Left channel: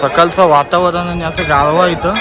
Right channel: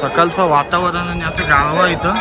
सकाळचं वातावरण आणि असं गारवा इथं.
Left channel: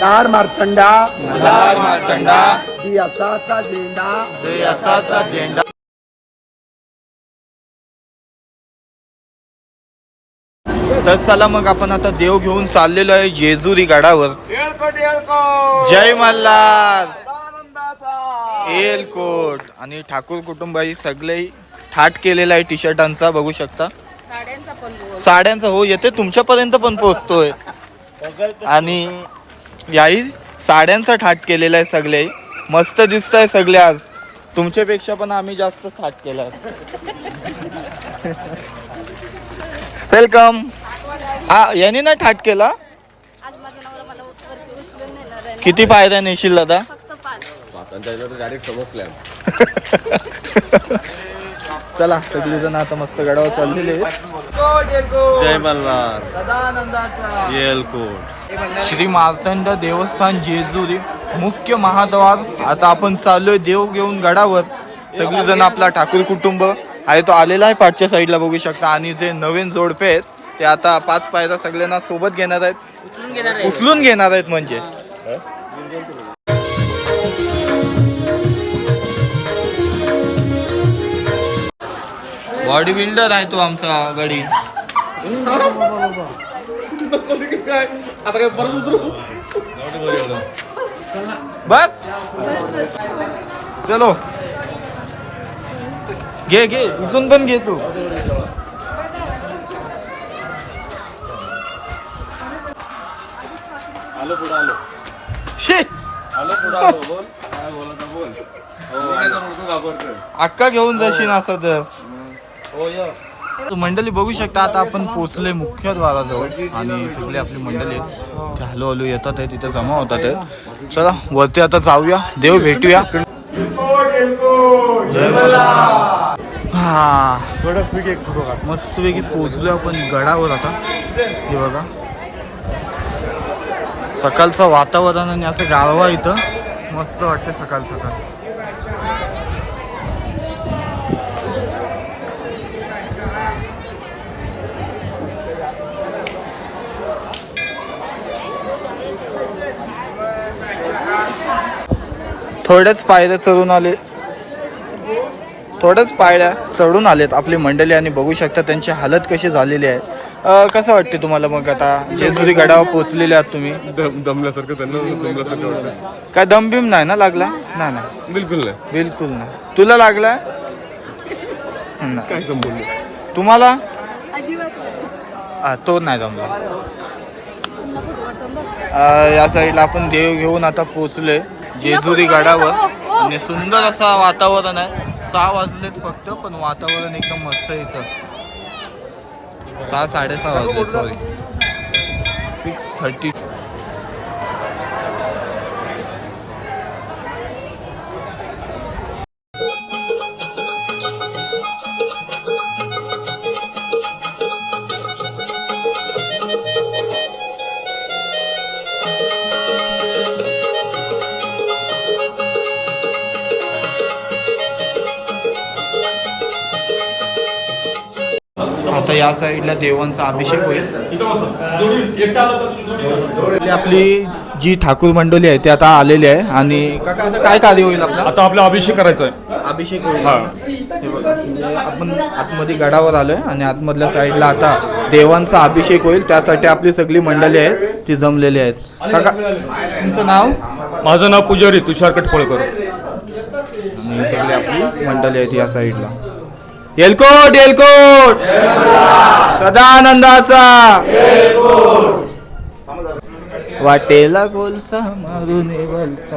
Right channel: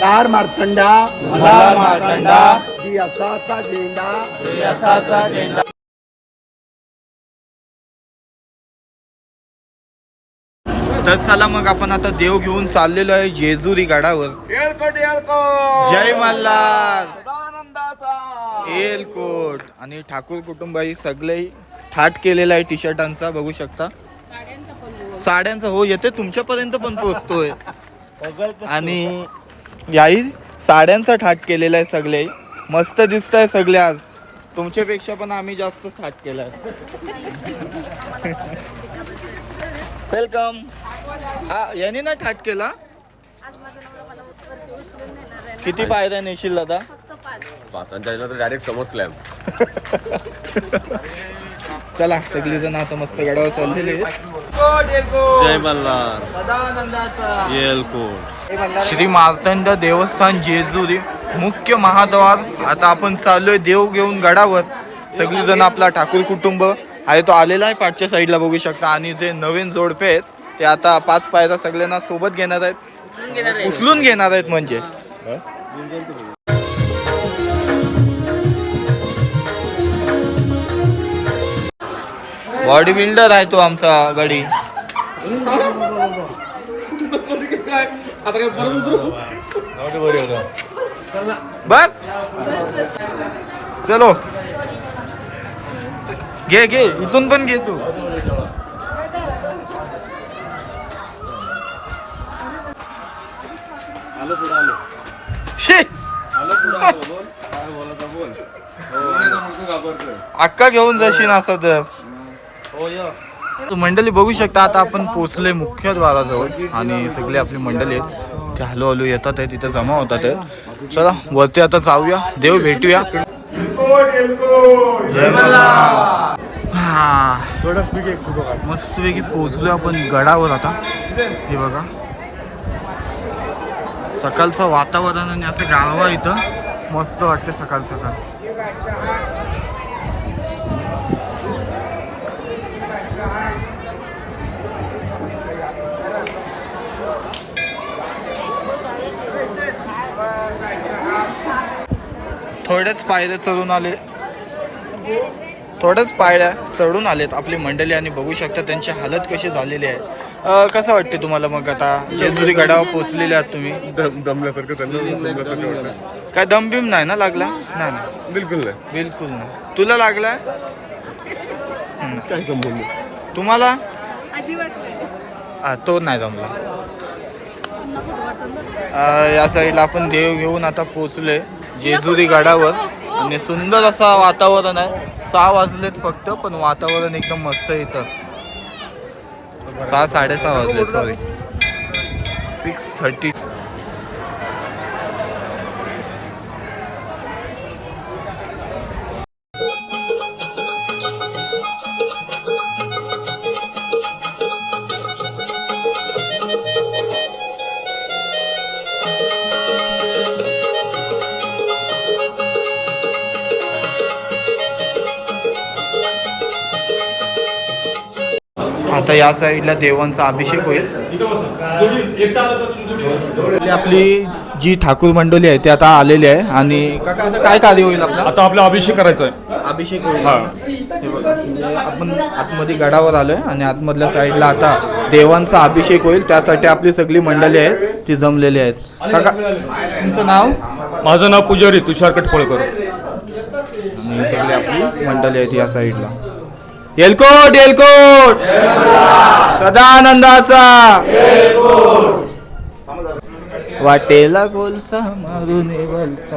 तार मार्तंडा. मल्हार मार्तंडा. दियासाचा झेंडा. तर चला मग आपण आता देव घेऊन चाललेलो आहे जेजुरी गडावर. जय मल्हार. एलकोट आणि ठाकूर कुटुंबाई सगळे ठाट केलेला आहे टी शर्टांचा बघू शकता. साड्यांचा हो येते तुमच्यापर्यंत पण पोहोचतोय. आणि याही साड्यांचा ठाट केलेला आहे सगळे. मस्त दिसत आहे सगळे आज. तुमच्यापेक्षा पण आम्ही जास्त ठाट केलाय वेलकम हा यांनी ना ठाट केला? किती पायऱ्या नेशील दादा? डायरेक्ट चला सगळी जण आता मस्त गडावर चाललेले जय मल्हार. श्री मार्तंड देवस्थान जेजुरी मुख्य महाद्वार. आता आपण चाललोय देव घेऊन गडावर. सगळेजण आपला ठाकूर कुटुंब. आहे तो आलेला आहे पाचच्या साईडला बघू शकता. आणि जे नवीन जोडपे आहेत ते आता पाच पायऱ्या सगळ्यांना सोबत घेणार आहेत. उचलून घेणार आहेत म्हणजे. बॉडी बिल्डर आहे तो आमचा गडी. बस? चलो. घे घे. इथून पण घे तू. आलो पुढे आलो. शी, आलो पुढे आलो. बोल. काय बोलायचं बोल. घाबरतोय अक्का घेऊन जाशील असं तर. मंडळी बघू शकता आता आपण पोहोचले मुख्य द्वाराजवळ आणि सगळी आपली मंडळी आहेत. हळू येतात आहे तिथे जमा होतात चला वरती आता जाऊया. देव भेटूया. जय हा. मस्तपैकी पोहोचलो आपण गडावर आता. हे बघा. सकाळचं वातावरण आणि असं गारवा इथं. मस्त वाटते सकाळ सकाळ. थोड्याच पायऱ्या चढून आले. थोड्याच पायऱ्या चढून आलेत आपली मंडळी आणि बघू शकता त्यांची हालत कशी झालेली आहे. अं, कसं वाटते तुम्हाला मग आता? जेजुरी गडावर पोहोचलेले आहात तुम्ही. दमल्यासारखं त्यांना दमल्यासारखं वाटतं. काय दमबिम नाही ना लागला? नाही ना बिलकुल नाही. बिलकुल नाही. तुला. काय संबंध? तुम्हाला? अजिबात नाही. हा, तो नाही जमला या साईडला आपण देव घेऊन आता पोचलोय जेजुरी गडावर. आणि सुंदर असा वातावरण आहे. सहा वाजलेत फक्त पण वातावरण एकदम मस्त इथं. सहा साडेसहा वाजले सॉरी सिक्स थर्टी आता या साईडला देवांचा अभिषेक होईल. आपली- आपली जी ठाकूर मंडळी आहे ती आता आलेली आहे आणि काका आता काय कार्य होईल आपला? आता आपला अभिषेक करायचा आहे. अभिषेक होईल. हा. बघा, म्हणजे आपण आतमध्ये गडावर आलोय आणि आतमधल्या साईडला आता देवांचा अभिषेक होईल. त्यासाठी आपली सगळी मंडळी आहे ती जमलेली आहेत. काका तुमचं नाव? माझं नाव पुजारी तुषार कटफळकर आणि सगळी आपली मंडळी आहेत या साईडला. येलकोट येलकोट. सदानंदाचा. वाटेला गोलसा मारून वलसा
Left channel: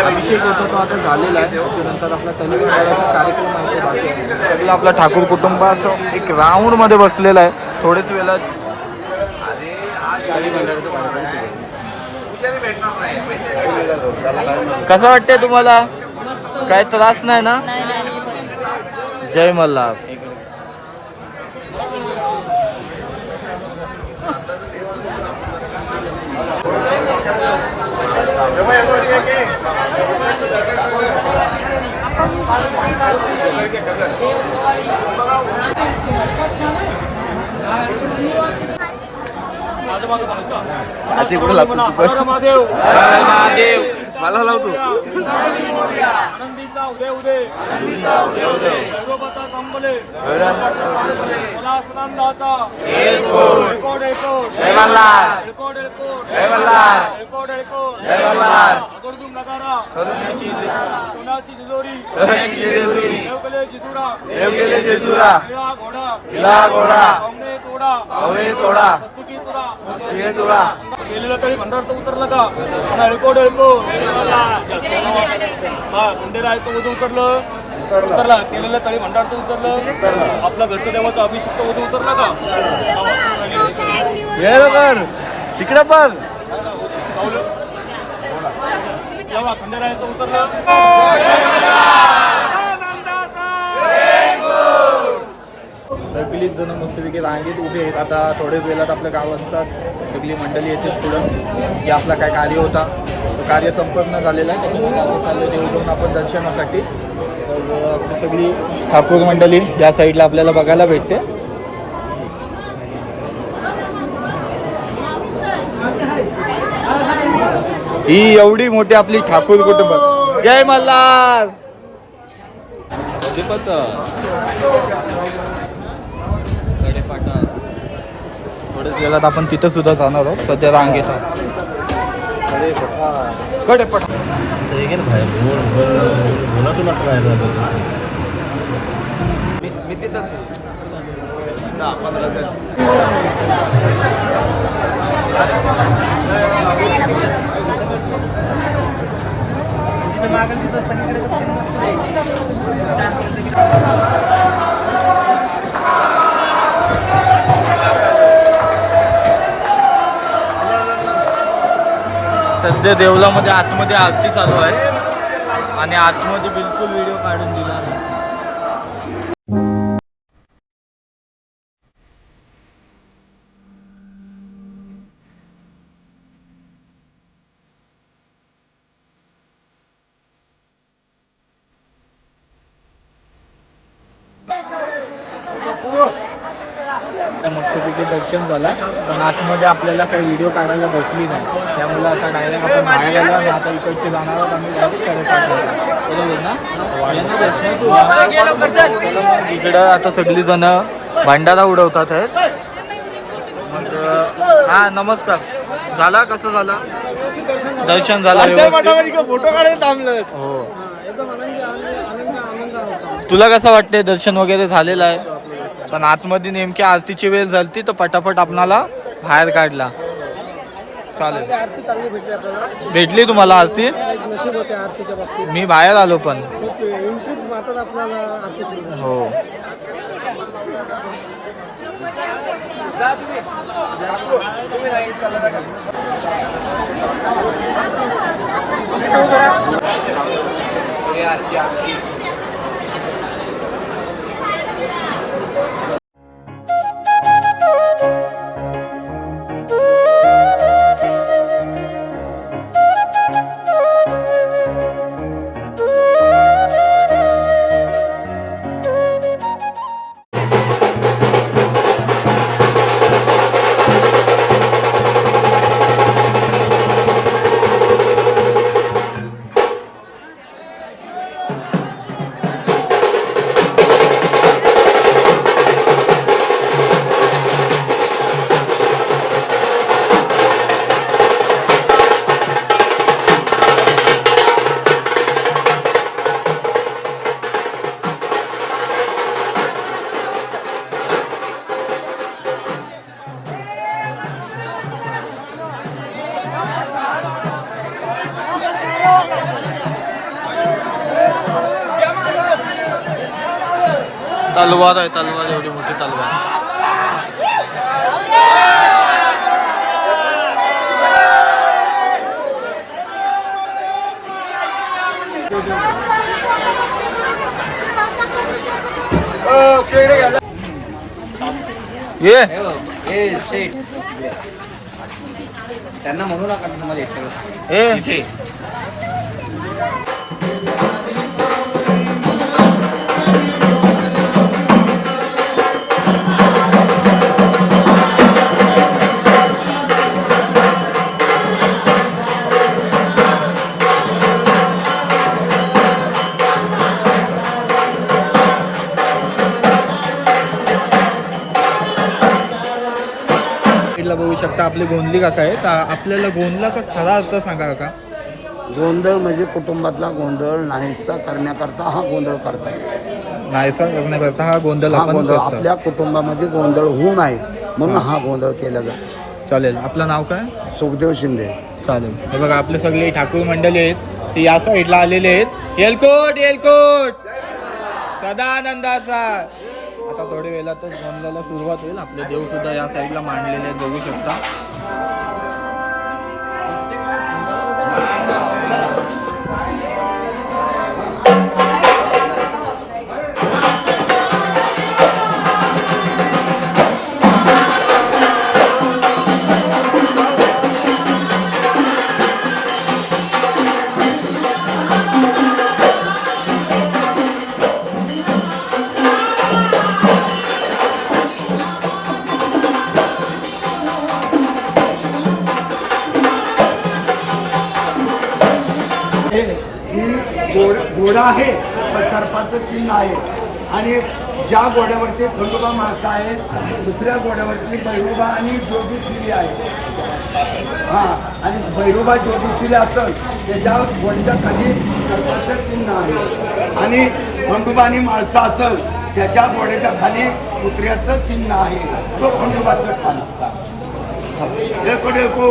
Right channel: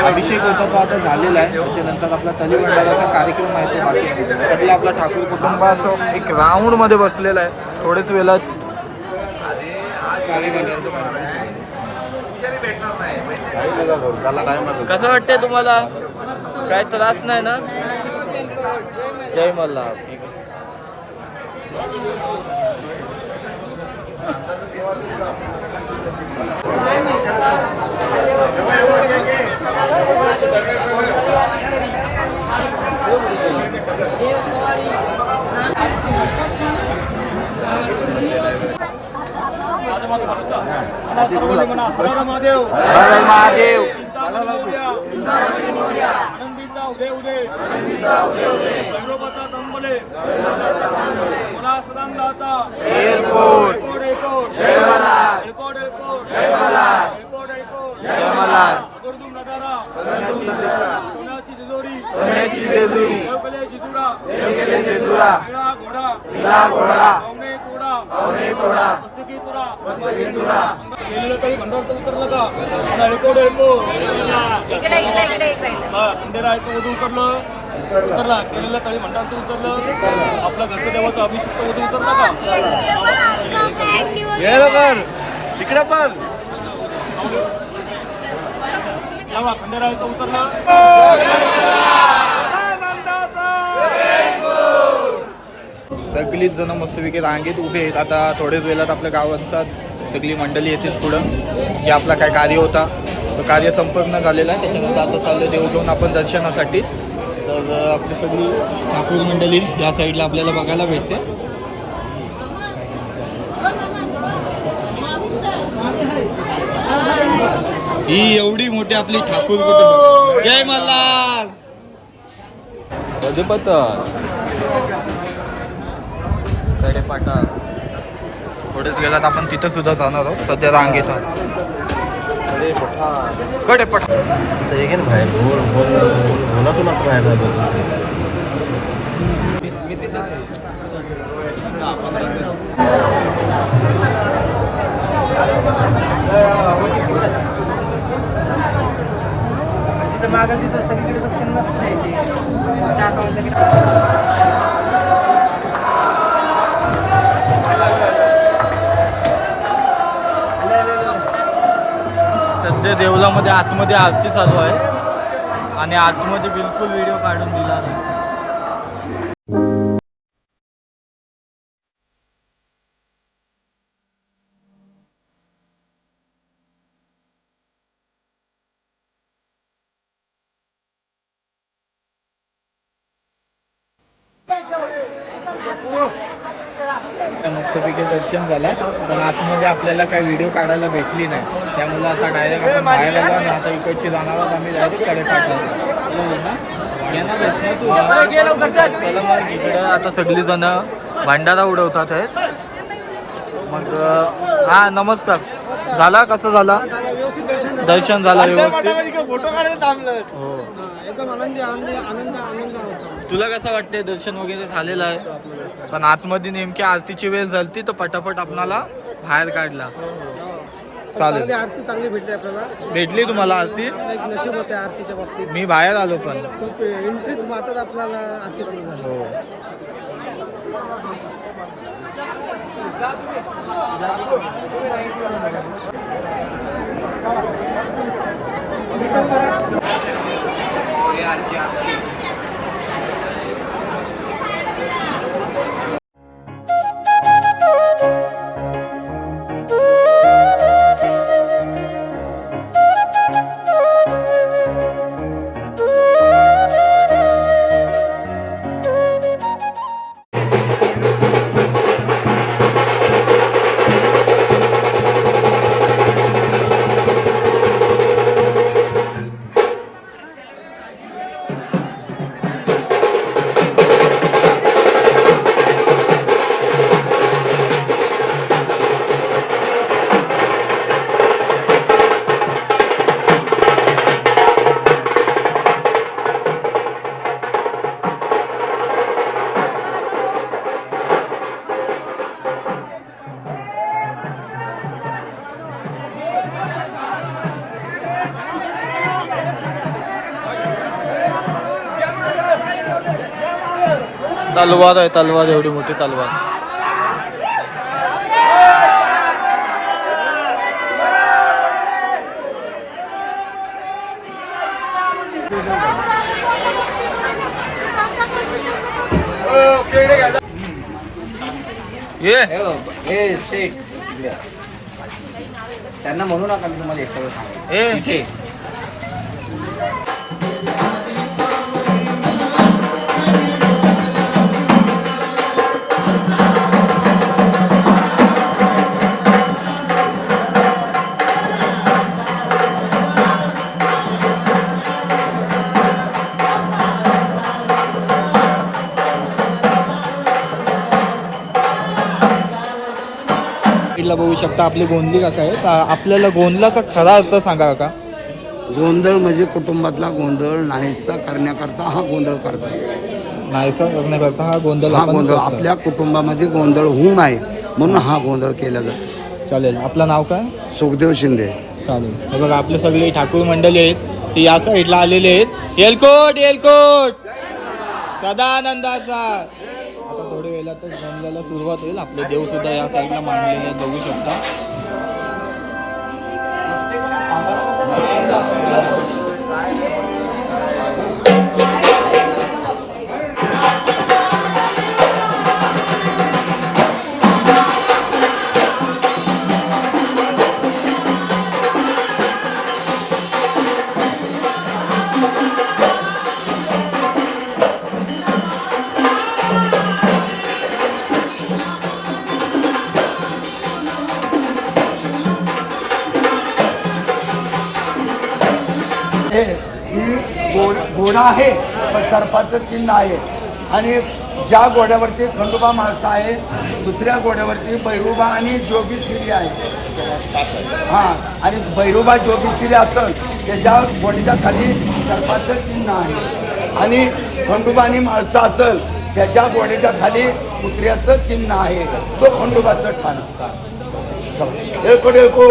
अभिषेक होता तो आता झालेला आहे. त्याच्यानंतर आपला तलीभंडाराचा कार्यक्रम आहे तो बाकी आहे. सगळं आपलं ठाकूर कुटुंब असं एक राऊंडमध्ये बसलेलं आहे. थोडेच वेळात कसं वाटतंय तुम्हाला? काय त्रास नाही ना? जय मल्हार. हर महादेव हर हर महादेव मला लावतो आनंदीचा उदय उदय दैवोबता तंबले मला सदांदाचा एअरपोर्ट एकोड एकोड जय मल्हार एकोड एकोड जय मल्हार एकोड एकोड जय मल्हार आवर्जून नगारा सोन्याची सोन्याची तिजोरी. सोन्याची जेजुरी. देवकले जिजुरा. जेजुरा घोडा. घोडा. पावणे तोडा. पावणे तोडा. मस्तकी तुरा मस्तकी तुरा केलेलं तरी भंडारचं उतरलं का आणि अडकोड अडकोड हा खंडेरायचं उदू उतरलं. उतरला. केलेलं तळी भंडारचं उतरलं. आपल्या घरच्या देवाचं अभिषेक उदू उतरलं का? तिकडे पण. तेव्हा खंडेरायचं उतरलं सगळीच जण मस्तपैकी रांगेत उभे आहेत. आता थोड्याच वेळात आपल्या गावांचा सगळी मंडळी येतील पुढं जे आपला काय कार्य होता तो कार्य संपन्न झालेला आहे. त्याच्यानंतर आता चाललं देऊन आपण दर्शनासाठी. तर आपली सगळी ठाकूर मंडळी या साईडला आपल्याला बघायला भेटते. ही एवढी मोठी आपली ठाकूर कुटुंब. जय मल्हार. कडेपाटा थोड्याच वेळात आपण तिथं सुद्धा जाणार आहोत. सध्या रांगेत आहोत. कडेपाटा सध्या देवलामध्ये आतमध्ये आरती चालू आहे. आणि आतमध्ये बिलकुल व्हिडिओ काढून दिला नाही. मस्तपैकी दर्शन झाला. पण आतमध्ये आपल्याला काही व्हिडिओ काढायला भेटली नाही. त्यामुळे आता डायरेक्ट आपण बाहेर आलो आणि आता इकडचे जाणार आहोत. आम्ही डायरेक्टकडे पाठवतो. बरोबर ना? यांना भेटणार तू. चला. मग इकडं आता सगळी जण भांडारा उडवतात आहेत. मग हा नमस्कार. झाला? कसं झाला? व्यवस्थित दर्शन झालं. व्यवस्थित? हो. तुला कसं वाटतंय? दर्शन वगैरे झालेलं आहे. पण आतमध्ये नेमकी आरतीची वेळ झाली तर पटापट आपणाला बाहेर काढला. चालेल. आरती चांगली भेटली आपल्याला. भेटली तुम्हाला आरती? नशीब होते आरतीच्या बाबतीत. मी बाहेर आलो पण. एंट्रीच मारतात आपल्याला आरती सुरू झाली. हो. तलवार आहे तलवार एवढी मोठी तलवार. त्यांना म्हणू नका तुम्हाला शकता आपले गोंधली काका आहेत. आ- आपल्याला गोंधलाचा खरा अर्थ सांगा काका. गोंधळ म्हणजे कुटुंबातला गोंधळ नाहीसा करण्याकरता हा गोंधळ करतात. नाहीसा करण्याकरता हा गोंधळ हा आपण गोंधळ करतो. आपल्या कुटुंबामध्ये गोंधळ होऊ नये म्हणून हा गोंधळ केला जातो. चालेल. आपलं नाव काय? सुखदेव शिंदे. चालेल. हे बघा आपले सगळे ठाकूर मंडळी आहेत. ते या साईडला आलेले आहेत. येलकोट येलकोट. सदानंदाचा आता थोड्या वेळातच गोंधळाला सुरुवात होईल. आपले देव सुद्धा या साईडला मांडलेले आहेत बघू शकता. घोडा आहे पण सर्पाचं चिन्ह आहे. आणि ज्या घोड्यावरती खंडोबा माणसं आहे दुसऱ्या घोड्यावरती भैरोबा आणि जोगीशिरी आहे. हां आणि भैरोबा जोगीशिरी असेल त्याच्या घोड्याच्या खाली सर्पाचं चिन्ह आहे. आणि खंडोबा आणि माळसा असेल त्याच्या घोड्याच्या खाली कुत्र्याचं चिन्ह आहे. तो खंडोबाचं ठाण. को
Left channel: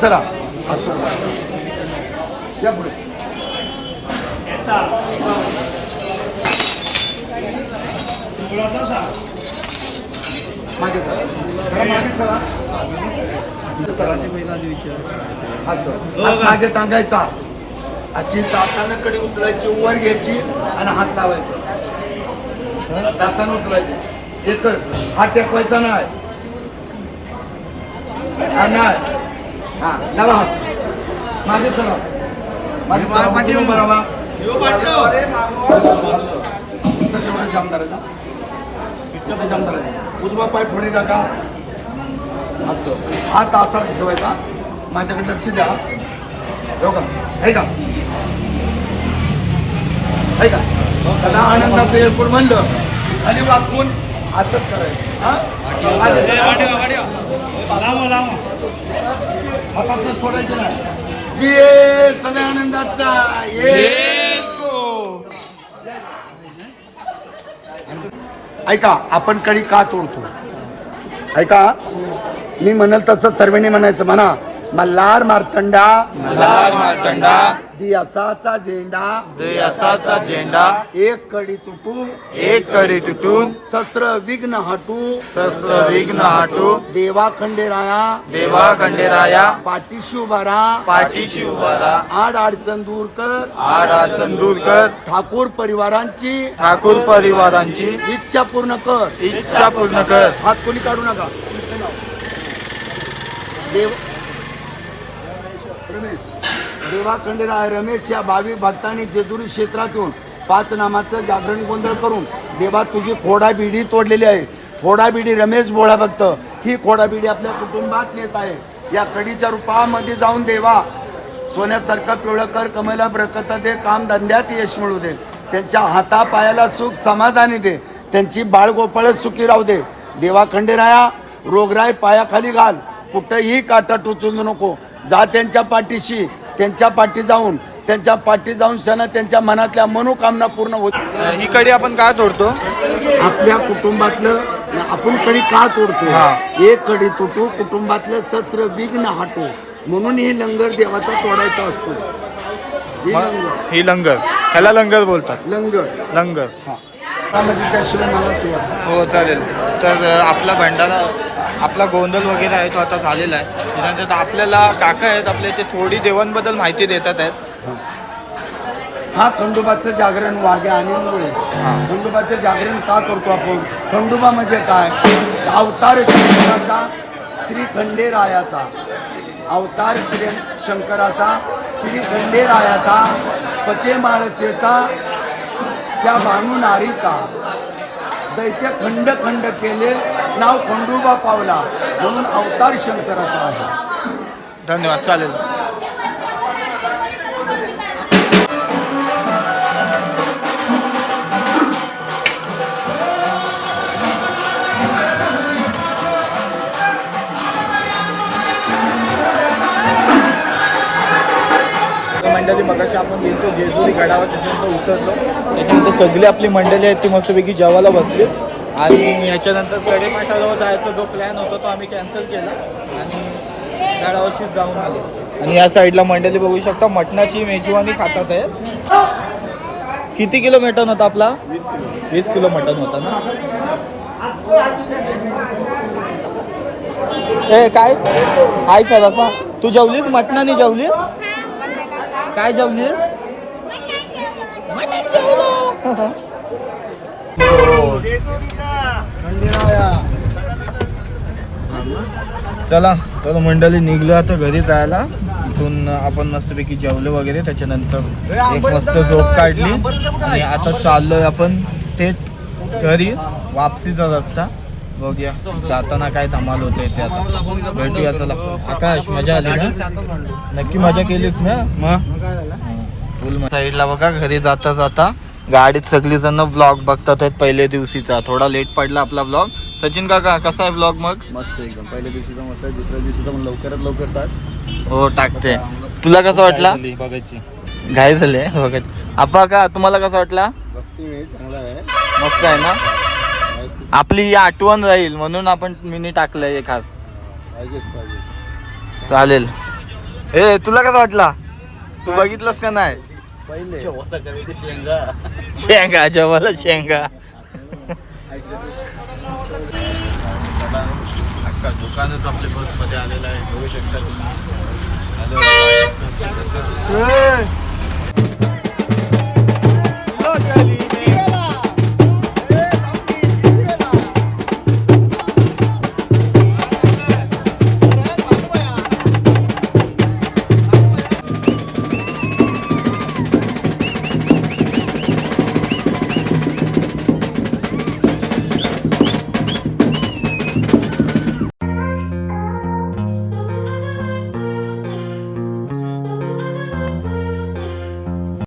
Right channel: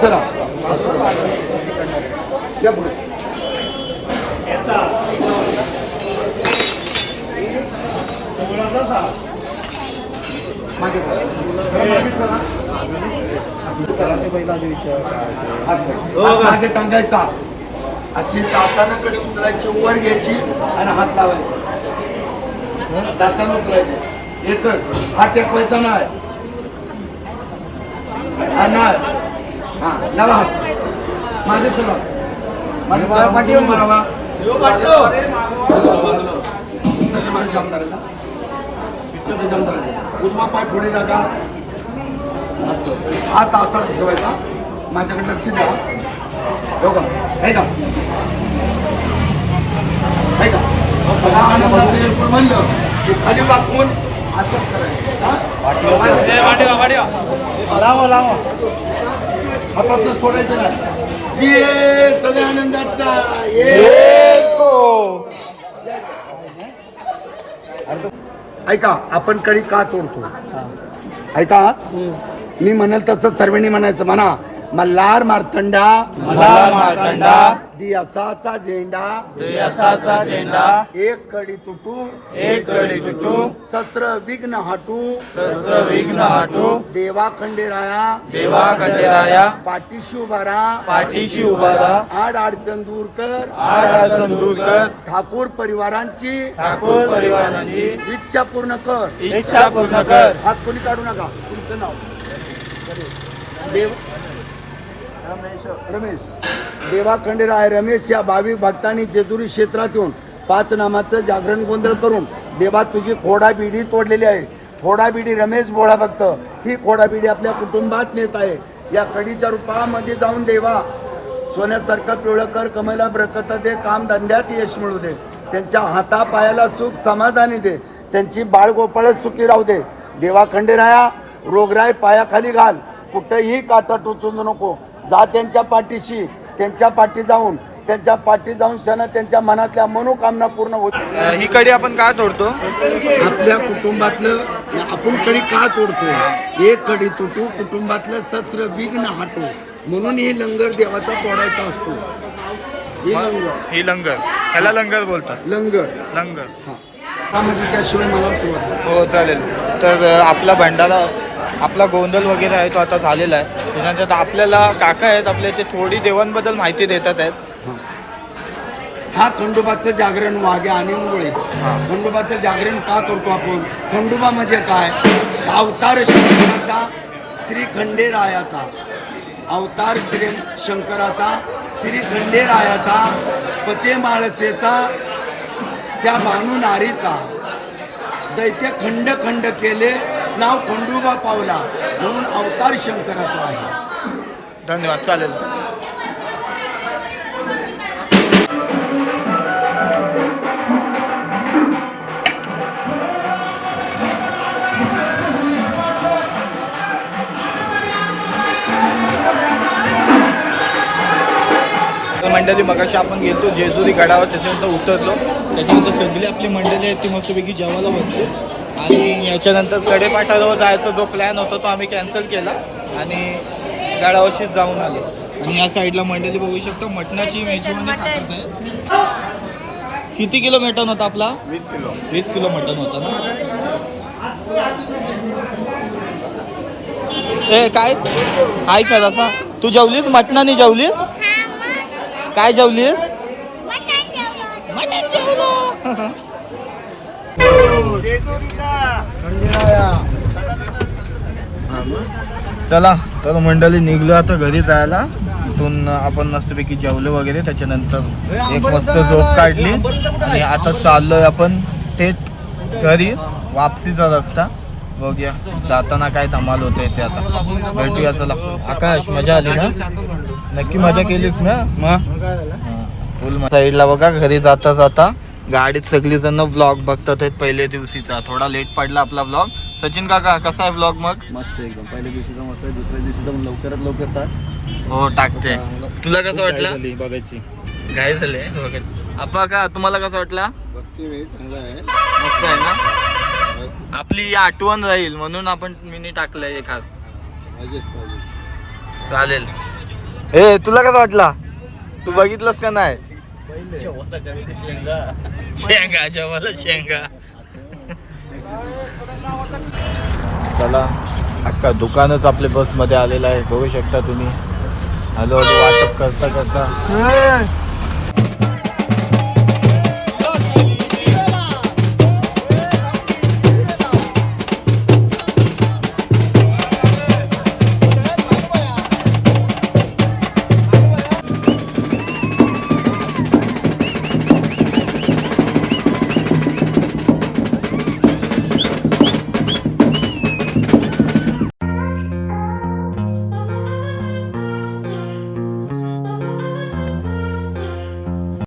चला. असं. हात मागे टांगायचा. अशी दातानं कडे उचलायची वर घ्यायची आणि हात लावायचा. दातानं उचलायचे. एकच. हात टेकवायचा नाही. हा नाही. हा लावा. हात मागे चला. मागे चला. पाठी बरावा जामदाराचा तिथं जाम करायचं उजवा पाय पुढे टाका. असं. हात असा ठेवायचा. माझ्याकडे लक्ष द्या. हो का? आहे का? आहे का? सदा आनंदाचं एअरपोर्ट म्हणलं की खाली वाकून असंच करायचं. हा? हातातलं सोडायचं नाही. जे सदा आनंदाचा ये ऐका आपण कडी का तोडतो? ऐका मी म्हणल तसं सर्वांनी म्हणायचं म्हणा. मल्हार मार्तंडा. मल्हार मार्तंडा. दियासाचा झेंडा. देसाचा झेंडा. एक कडी तुटू एक कडे तुटून. शस्त्र विघ्न हटू शस्त्र विघ्न हाटू देवा खंडेराया देवा खंडेराया पाठीशी उभा राहा. पाठीशी उभा राहा. आड अडचण दूर कर. आड अडचण दूर कर. ठाकूर परिवारांची ठाकूर परिवारांची इच्छा पूर्ण कर. इच्छा पूर्ण कर. हात कोणी काढू नका. तुमचं नाव. देव रमेश. देवा खंडेराय रमेश या भाविक भक्तांनी जेजुरी क्षेत्रातून पाच नामाचं जागरण गोंधळ करून देवा तुझी खोडाबिडी तोडलेली आहे. खोडाबिडी रमेश बोळा भक्त. ही खोडाबिडी आपल्या कुटुंबात नेत आहे. या कडीच्या रूपामध्ये जाऊन देवा सोन्यासारखं पिवळं कर कमला ब्रकत दे काम धंद्यात यश मिळू दे. त्यांच्या हातापायाला सुख समाधानी दे. त्यांची बाळगोपाळ सुखी राहू दे. देवा खंडेराया रोगराई पायाखाली घाल. कुठेही काटा टोचू नको. जा त्यांच्या पाठीशी त्यांच्या पाठी जाऊन त्यांच्या पाठी जाऊन क्षण त्यांच्या मनातल्या मनोकामना पूर्ण होत ही कडी आपण का तोडतो? आपल्या कुटुंबातलं आपण कडी का तोडतो? एक कडी तुटू कुटुंबातलं शस्त्र विघ्न हाटू. म्हणून ही लंगर देवाचा तोडायचा असतो. ही लंगर. ही लंगर. ह्याला लंगर बोलतात. लंगर. लंगर. हा. त्याशिवाय मला. हो चालेल. तर आपला भंडारा आपला गोंधळ वगैरे आहे तो आता झालेला आहे. त्याच्यानंतर आपल्याला काका आहेत आपल्या ते थोडी देवांबद्दल माहिती देतात आहेत. हा खंडोबाचं जागरण वाघ्या आणि मुळे खंडोबाचं जागरण का करतो आपण? खंडोबा म्हणजे काय? अवतार शंकराचा श्री खंडेरायाचा. अवतार श्री शंकराचा श्री खंडेरायाचा पते माळसेचा त्या भानू नारीचा दैत्य खंड खंड केले नाव खंडोबा पावला म्हणून अवतार शंकराचा आहे. धन्यवाद चालेल. मंडळी मगाशी आपण गेलो जेजुरी गडावर त्याच्यानंतर उतरलो. त्याच्यानंतर सगळी आपली मंडळी आहेत ती मस्तपैकी जेवायला बसली. आणि याच्यानंतर कडेपाठावर जायचा जो प्लॅन होता तो आम्ही कॅन्सल केला. आणि गडावरशीच जाऊन आलो. आणि या साईडला मंडळी बघू शकता मटणाची मेजवानी खातात आहे किती किलो मटण होता आपला? वीस किलो मटण होता ना? ए काय? काय तू जेवलीस? मटणाने जेवलीस? काय जेवलीस? चला तर मंडळी निघलो आता घरी जायला. इथून आपण मस्तपैकी जेवलो वगैरे त्याच्यानंतर एक मस्त झोप काढली. आणि आता चाललोय आपण थेट घरी वापसीचा रस्ता. बघूया. जाताना काय धमाल होते ते आता. भेटूया चला. आकाश मजा आली ना? नक्की मजा केलीस ना? मग? फुल साईडला बघा घरी जाता जाता गाडीत सगळी जण व्लॉग बघतात आहेत पहिल्या दिवशीचा. थोडा लेट पडला आपला व्लॉग सचिन काका कसा आहे व्लॉग मग? मस्त एकदम. पहिल्या दिवशीचा मस्त आहे दुसऱ्या दिवशीचा पण लवकरात लवकर टाक. हो टाकते. तुला कसं वाटला? बघायची. घाई झाले बघा. आपा का तुम्हाला कसं वाटला? मस्त आहे ना? आपली ही आठवण राहील म्हणून आपण मिनी टाकलंय हे खास. पाहिजेच पाहिजे चालेल. ए तुला कसं वाटला? तू बघितलंस का नाही? शेंगा जेवायला शेंगा. चला अख्खा दुकानच आपल्या बसमध्ये आलेलं आहे. बघू शकता तुम्ही. हॅलो वाटप करता करता.